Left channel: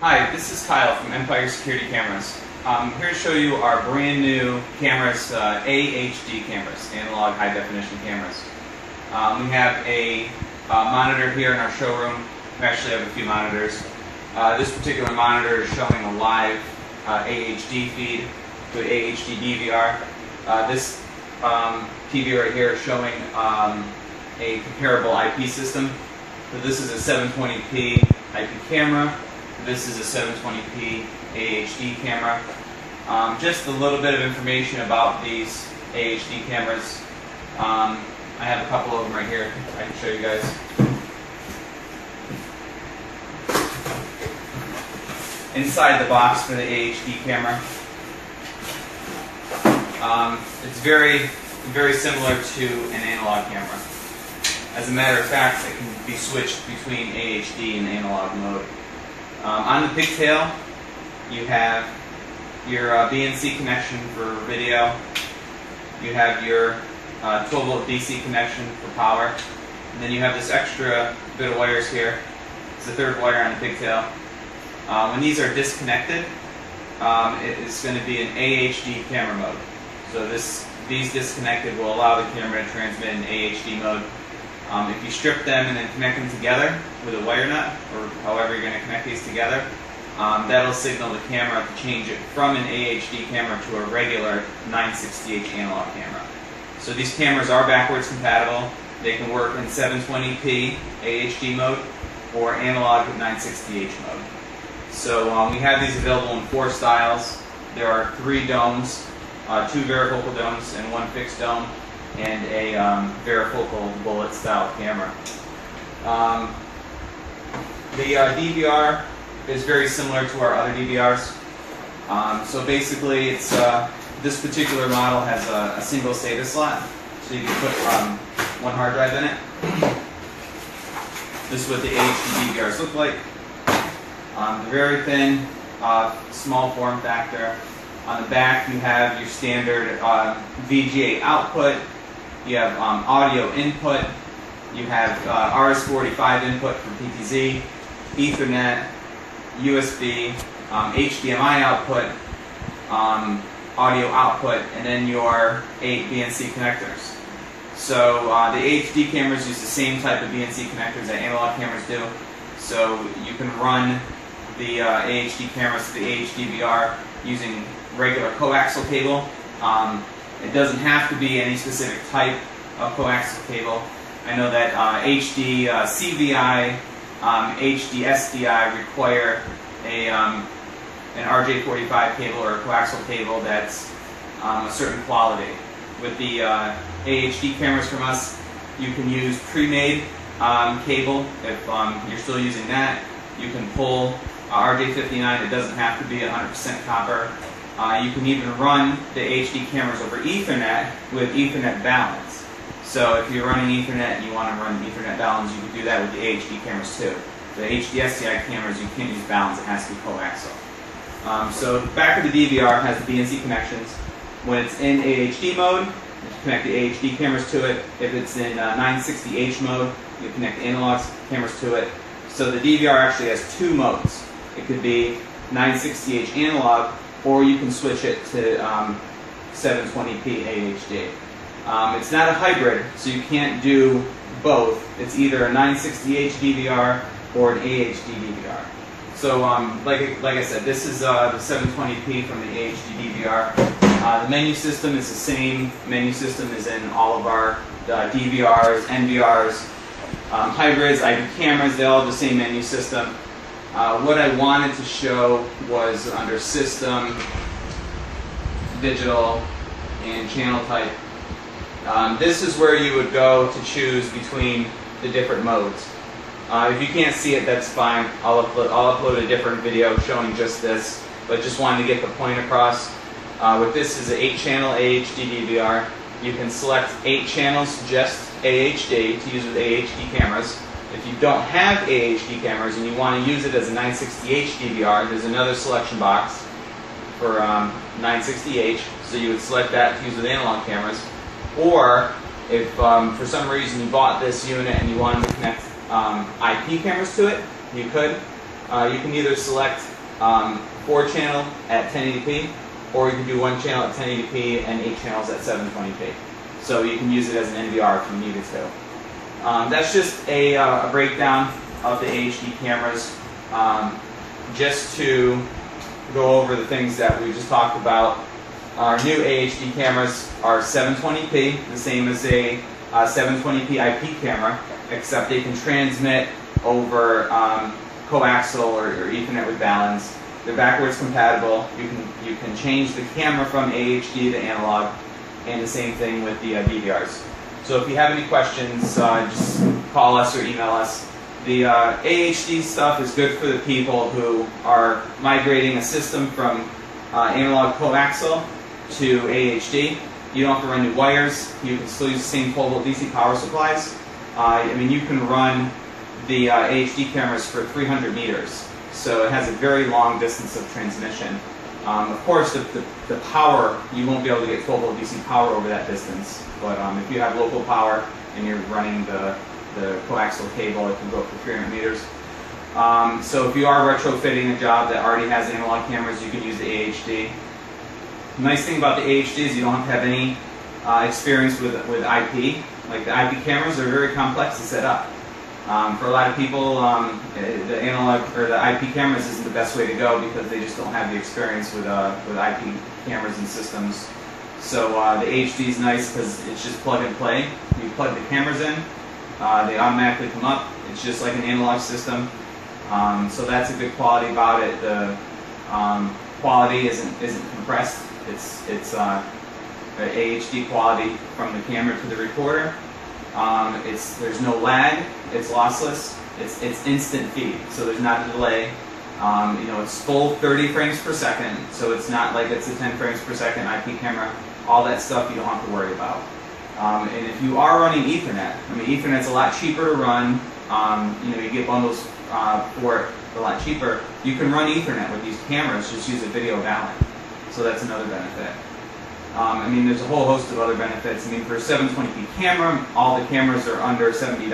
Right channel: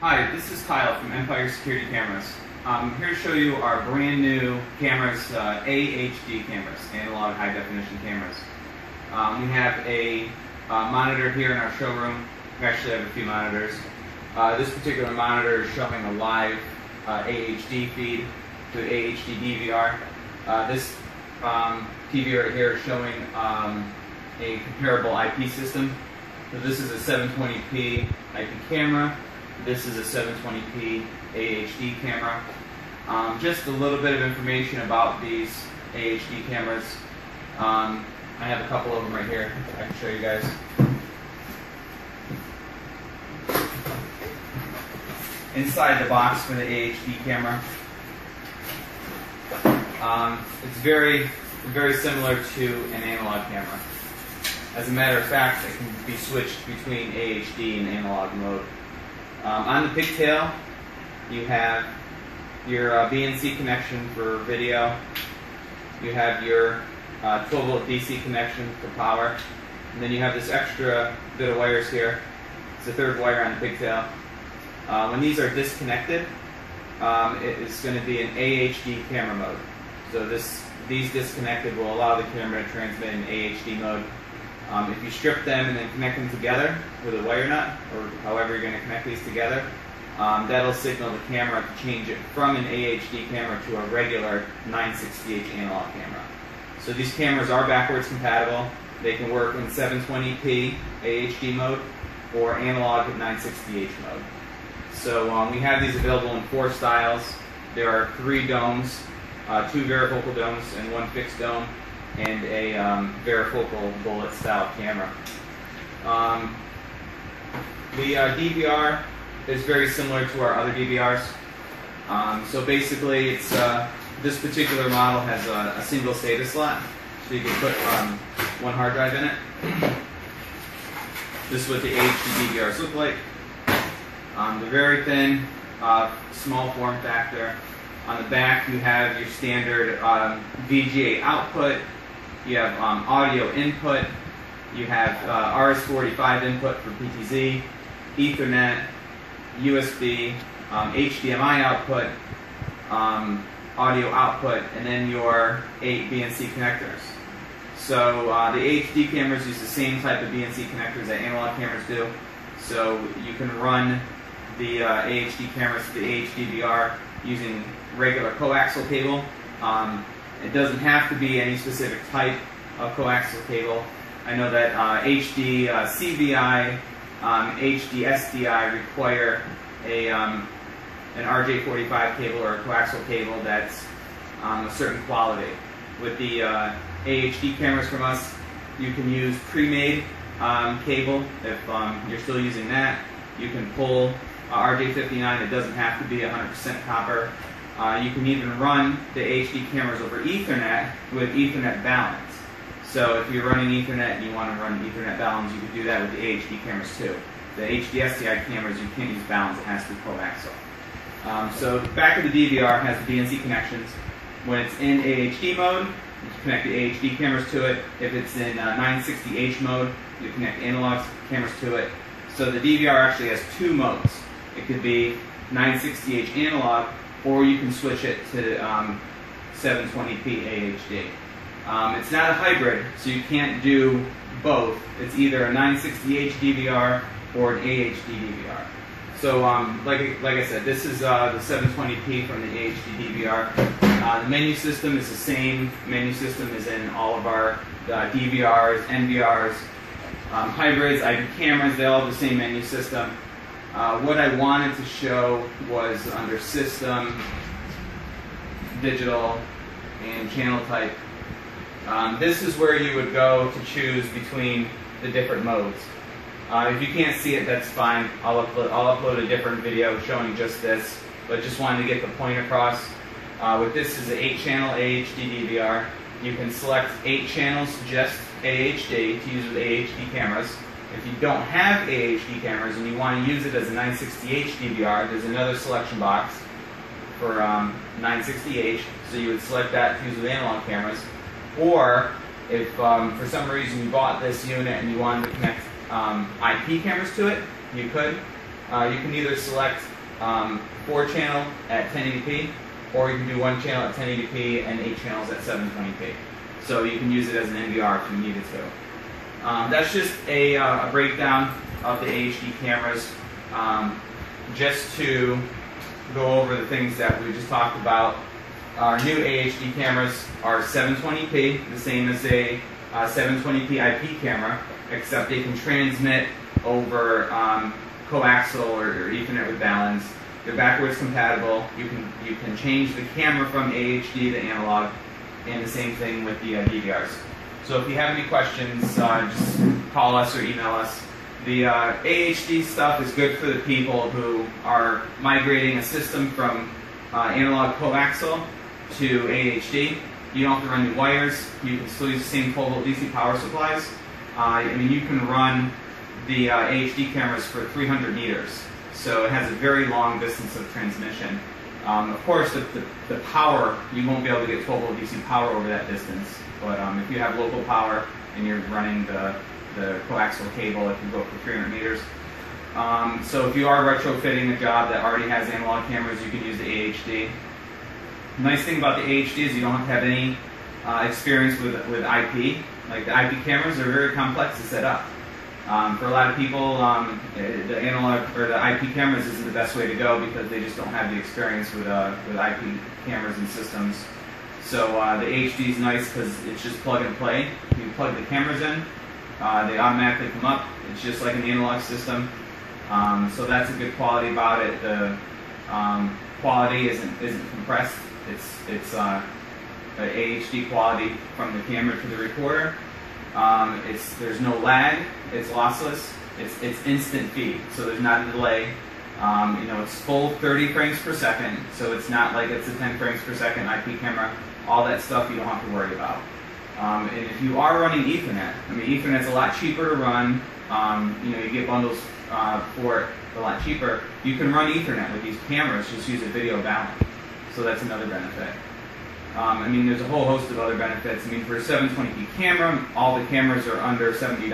Hi, this is Kyle from Empire Security Cameras. I'm here to show you our brand new cameras, AHD cameras, analog high definition cameras. We have a monitor here in our showroom. We actually have a few monitors. This particular monitor is showing a live AHD feed to an AHD DVR. This TV right here is showing a comparable IP system. So this is a 720p IP camera. This is a 720p AHD camera. Just a little bit of information about these AHD cameras. I have a couple of them right here. I can show you guys. Inside the box for the AHD camera, it's very similar to an analog camera. As a matter of fact, it can be switched between AHD and analog mode. On the pigtail, you have your BNC connection for video. You have your 12-volt DC connection for power. And then you have this extra bit of wires here. It's the third wire on the pigtail. When these are disconnected, it's going to be an AHD camera mode. So these disconnected will allow the camera to transmit in AHD mode. If you strip them and then connect them together with a wire nut, or however you're going to connect these together, that'll signal the camera to change it from an AHD camera to a regular 960H analog camera. So these cameras are backwards compatible. They can work in 720p AHD mode or analog at 960H mode. So we have these available in 4 styles. There are 3 domes, 2 varifocal domes and 1 fixed dome, and a varifocal bullet style camera. The DVR is very similar to our other DVRs. So basically, it's this particular model has a single SATA slot, so you can put 1 hard drive in it. This is what the AHD DVRs look like. The very thin, small form factor. On the back, you have your standard VGA output. You have audio input. You have RS-485 input for PTZ, Ethernet, USB, HDMI output, audio output, and then your 8 BNC connectors. So the AHD cameras use the same type of BNC connectors that analog cameras do. So you can run the AHD cameras to the AHD-VR using regular coaxial cable. It doesn't have to be any specific type of coaxial cable. I know that HDCVI, HDSDI require an RJ45 cable or a coaxial cable that's a certain quality. With the AHD cameras from us, you can use pre-made cable if you're still using that. You can pull RJ59. It doesn't have to be 100% copper. You can even run the HD cameras over Ethernet with Ethernet balance. So if you're running Ethernet and you want to run Ethernet balance, you can do that with the AHD cameras too. The HDSDI cameras, you can't use balance, it has to be coaxial. So the back of the DVR has the BNC connections. When it's in AHD mode, you connect the AHD cameras to it. If it's in 960H mode, you connect the analog cameras to it. So the DVR actually has 2 modes. It could be 960H analog, or you can switch it to 720p AHD. It's not a hybrid, so you can't do both. It's either a 960H DVR or an AHD DVR. So like I said, this is the 720p from the AHD DVR. The menu system is the same menu system as in all of our DVRs, NVRs, hybrids, IP cameras. They all have the same menu system. What I wanted to show was under System, Digital, and Channel Type. This is where you would go to choose between the different modes. If you can't see it, that's fine. I'll upload a different video showing just this, but just wanted to get the point across. With this is an 8-channel AHD DVR. You can select 8 channels, just AHD, to use with AHD cameras. If you don't have AHD cameras and you want to use it as a 960H DVR, there's another selection box for 960H, so you would select that to use with analog cameras. Or if for some reason you bought this unit and you wanted to connect IP cameras to it, you could. you can either select 4-channel at 1080p, or you can do 1 channel at 1080p and 8 channels at 720p. So you can use it as an NVR if you needed to. That's just a breakdown of the AHD cameras. Just to go over the things that we just talked about. Our new AHD cameras are 720p, the same as a 720p IP camera, except they can transmit over coaxial or Ethernet with balance. They're backwards compatible. You can change the camera from AHD to analog, and the same thing with the DVRs. So if you have any questions, just call us or email us. The AHD stuff is good for the people who are migrating a system from analog coaxial to AHD. You don't have to run new wires. You can still use the same 12-volt DC power supplies. I mean, you can run the AHD cameras for 300 meters, so it has a very long distance of transmission. Of course, the power, you won't be able to get 12-volt DC power over that distance, but if you have local power and you're running the coaxial cable, it can go up to 300 meters. So if you are retrofitting a job that already has analog cameras, you can use the AHD. The nice thing about the AHD is you don't have to have any experience with IP. Like the IP cameras are very complex to set up. For a lot of people, the analog or the IP cameras isn't the best way to go because they just don't have the experience with IP cameras and systems. So the AHD is nice because it's just plug and play. You plug the cameras in, they automatically come up. It's just like an analog system. So that's a good quality about it. The quality isn't compressed. It's AHD quality from the camera to the recorder. There's no lag. It's lossless. It's instant feed, so there's not a delay. It's full 30 frames per second, so it's not like it's a 10 frames per second IP camera. All that stuff you don't have to worry about. And if you are running Ethernet, I mean, Ethernet's a lot cheaper to run. You get bundles for it a lot cheaper. You can run Ethernet with these cameras. Just use a video balun. So that's another benefit. I mean, there's a whole host of other benefits. I mean, for a 720p camera, all the cameras are under $70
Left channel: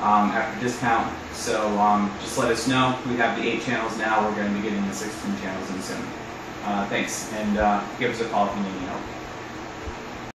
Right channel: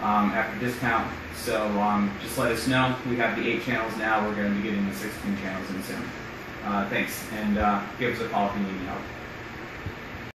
after discount. So just let us know. We have the 8 channels now. We're going to be getting the 16 channels in soon. Thanks, and give us a call if you need any help.